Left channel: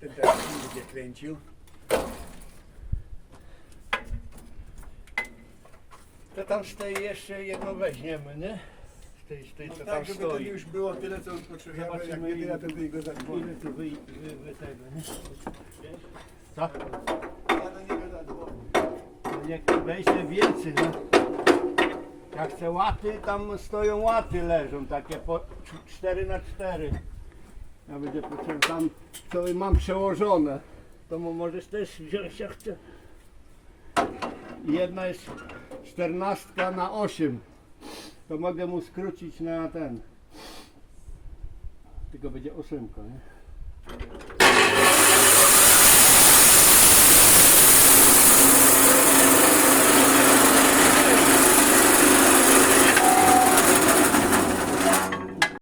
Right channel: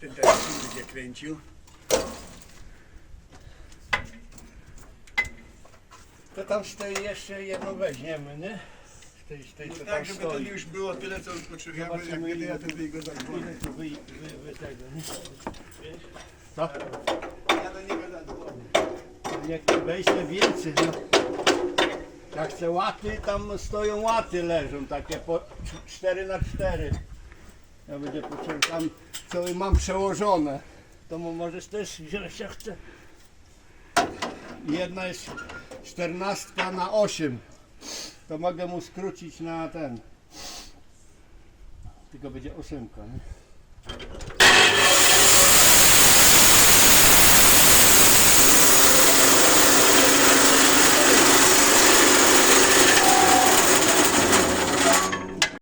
ten teraz nie będzie kręcił. To tam z tej jeszcze jedną weźmiemy, nie? Z tej, z tej No co tak, tam żeby to stoi. już było tyle, co potrzebujemy. Jak Zobaczymy, będę ja ile to wyjdę za Ile tu wy, wy, wy tego, nie? Co? Ja do niego zadzwonię. Jak wejście więcej, no. Jak chcę łaty, tam stoją łaty leżą, takie po 4 na 4 Ja będzie potrzebne, tam co mam przełożone. To mo- możesz też wziąć jak chce. Jedna jest 14 na 8. To mogę mu skrócić na ten. Tylko będzie ósemka, nie?